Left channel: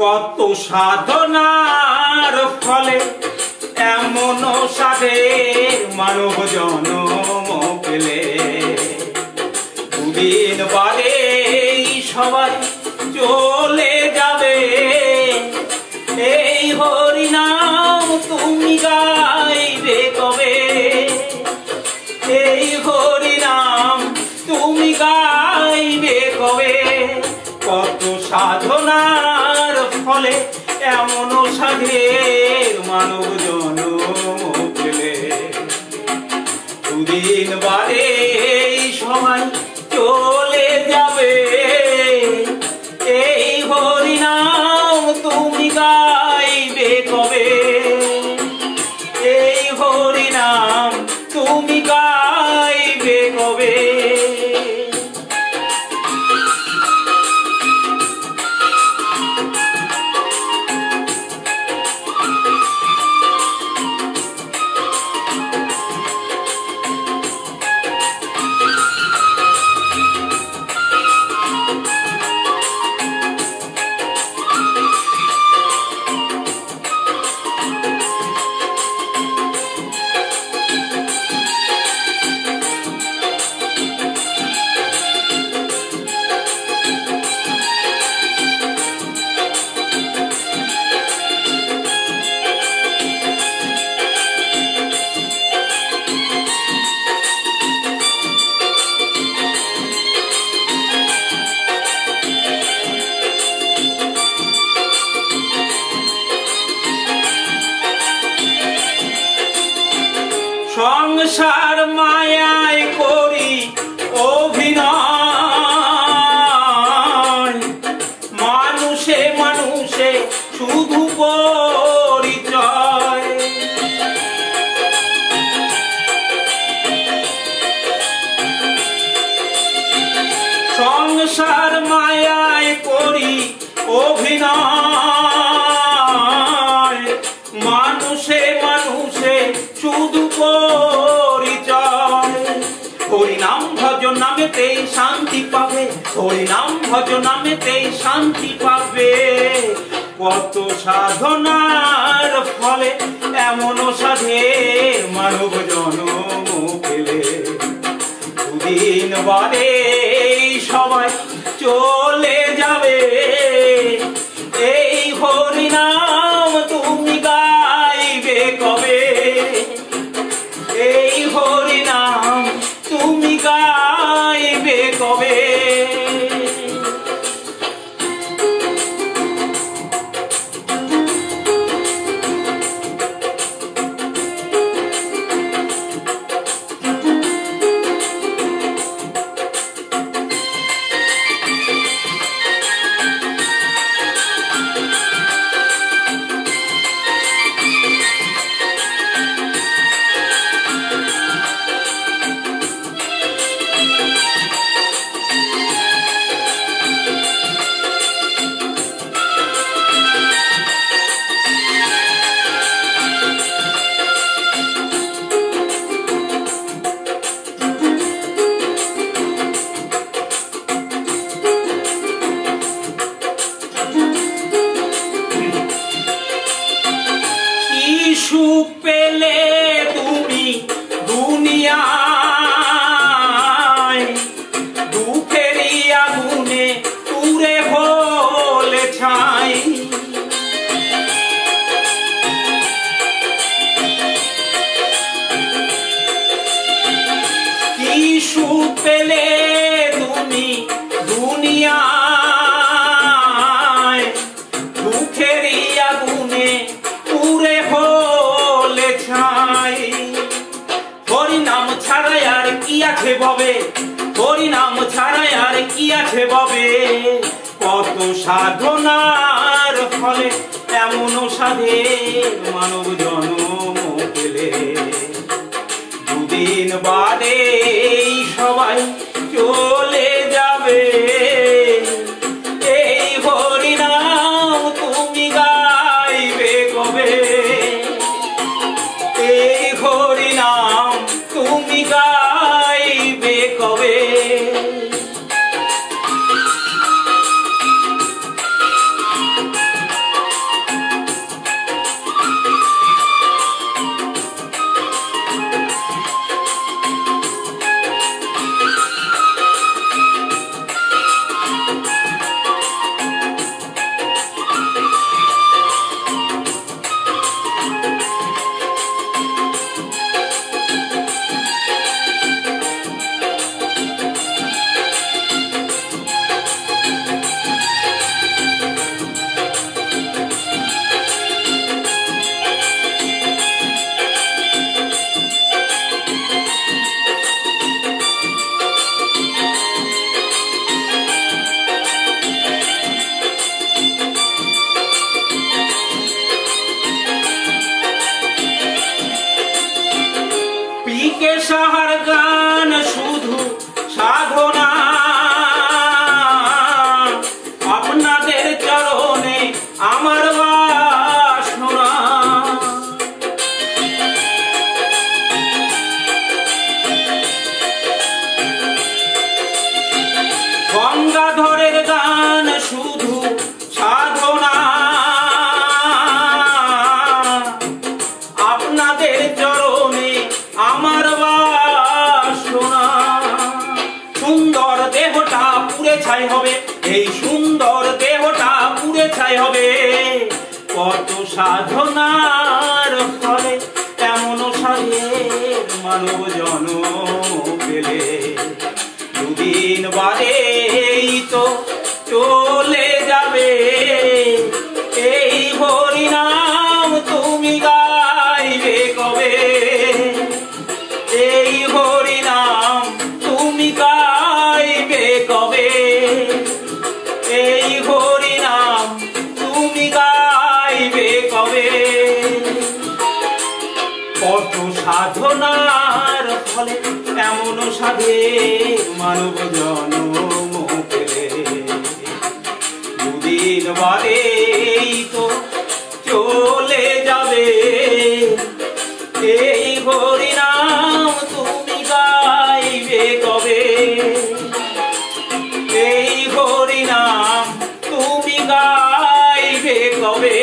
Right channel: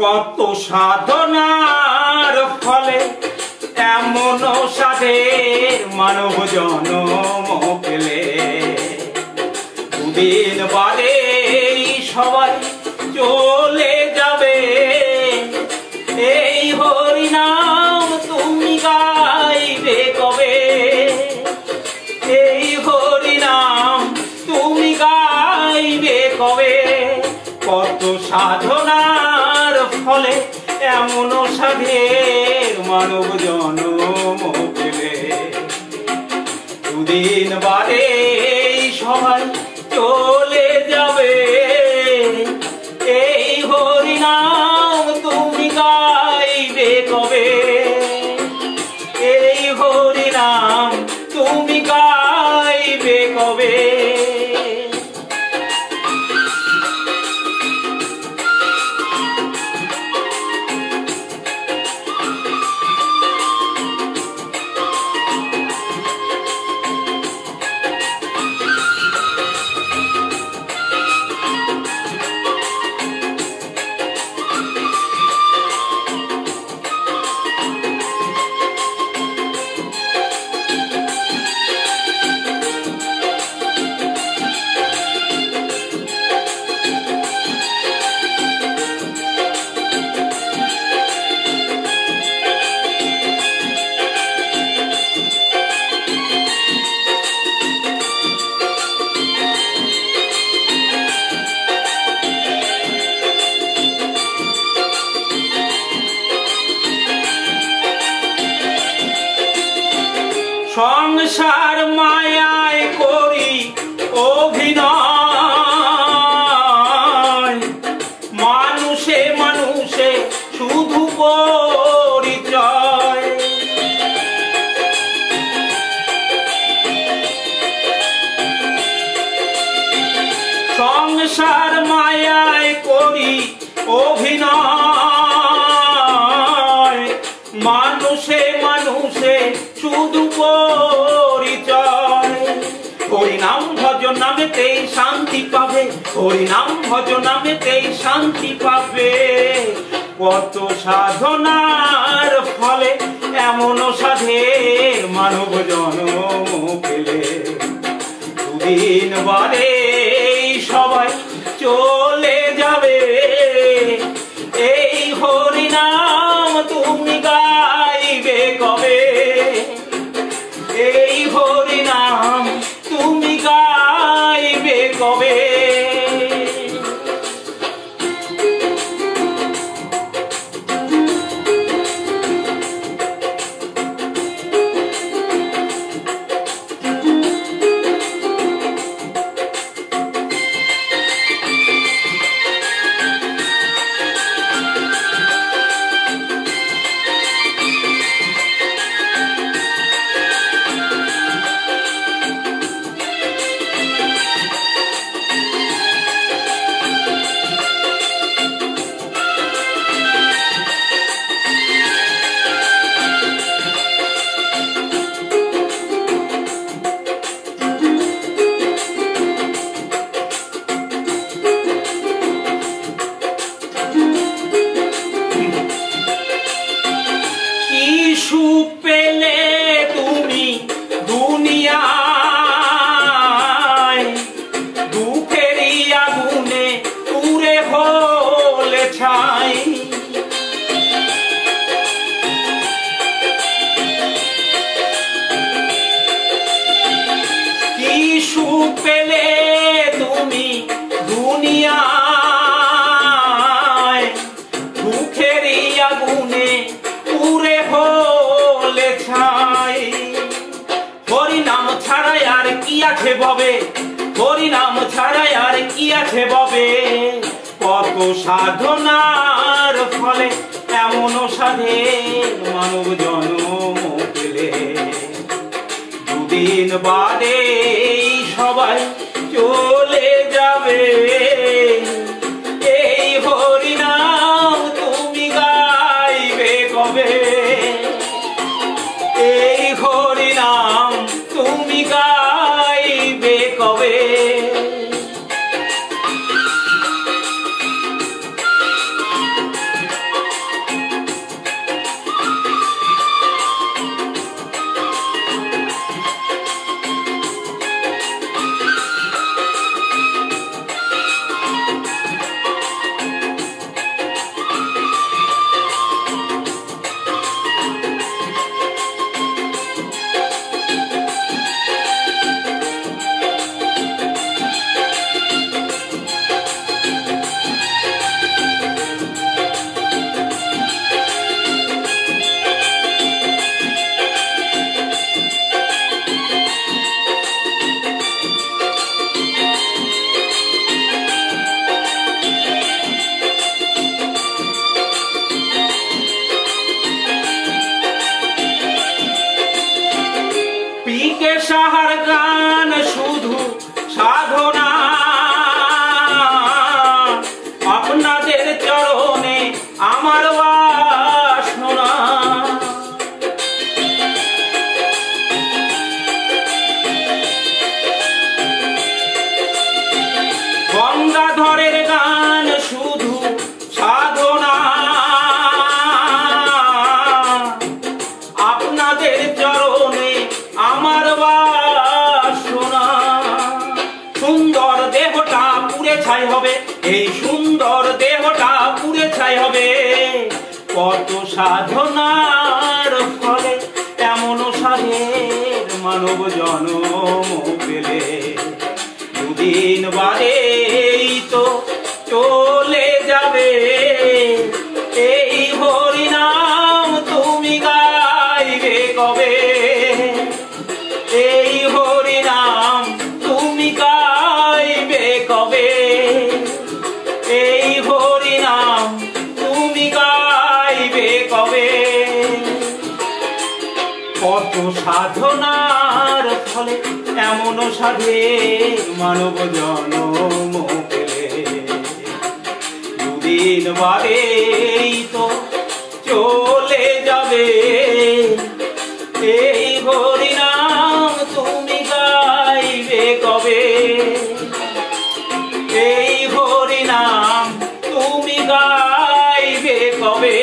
কত সাধনার ফলে এমন সাধের মানব জন্ম পেলে। দুদিন বাদে সবাই চলে যাবে, এই হরিনাম তুমি গাইবে কবে? এই হরিনাম তুমি গাইবে কবে? কত সাধনার ফলে এমন সাধের মানব জন্ম পেলে। দুদিন বাদে সবাই চলে যাবে, এই হরিনাম তুমি গাইবে কবে? এই হরিনাম তুমি গাইবে কবে? সংসার মায়ায় করি অভিনয়, মানুষে মানুষে শুধু পরিচয়। সংসার মায়ায় করি অভিনয়, মানুষে মানুষে শুধু পরিচয়। হরিনাম ভজ নামেতেই শান্তি পাবে, হরিনাম ভজ নামেতেই শান্তি পাবে। কত সাধনার ফলে এমন সাধের মানব জন্ম পেলে। দুদিন বাদে সবাই চলে যাবে, এই হরিনাম তুমি গাইবে কবে? এই হরিনাম তুমি গাইবে কবে? সুখ পেলে তুমি দুনিয়ায়, দুঃখেরই আগুনে পুড়ে হলে ছাই। কি সুখ পেলে তুমি দুনিয়ায়, দুঃখেরই আগুনে পুরে হলে ছাই। হরিনাম ছাড়াই আর কি আছে ভবে? হরিনাম ছাড়াই আর কি আছে ভবে? কত সাধনার ফলে এমন সাধের মানব জন্ম পেলে। দুদিন বাদে সবাই চলে যাবে, এই হরিনাম তুমি গাইবে কবে? এই হরিনাম তুমি গাইবে কবে? গঙ্গাধরের গান শুধু সাধনা, আপনাদের চরণে আমার বাসনা। সুন্দর দেহটা পুড়ে ছাই হবে, এই সুন্দর দেহটা পুড়ে ছাই হবে, কত সাধনার ফলে এমন সাধের মানব জন্ম পেলে। দুদিন বাদেই তো চলে যাবে, এই হরিনাম তুমি গাইবে কবে? এই হরিনাম তুমি গাইবে কবে? এই হরিনাম তুমি গাইবে কবে? কত সাধনার ফলে এমন সাধের মানব জন্ম পেলে। দুদিন বাদেই তো চলে যাবে, এই হরিনাম তুমি গাইবে কবে? এই হরিনাম তুমি গাইবে কবে?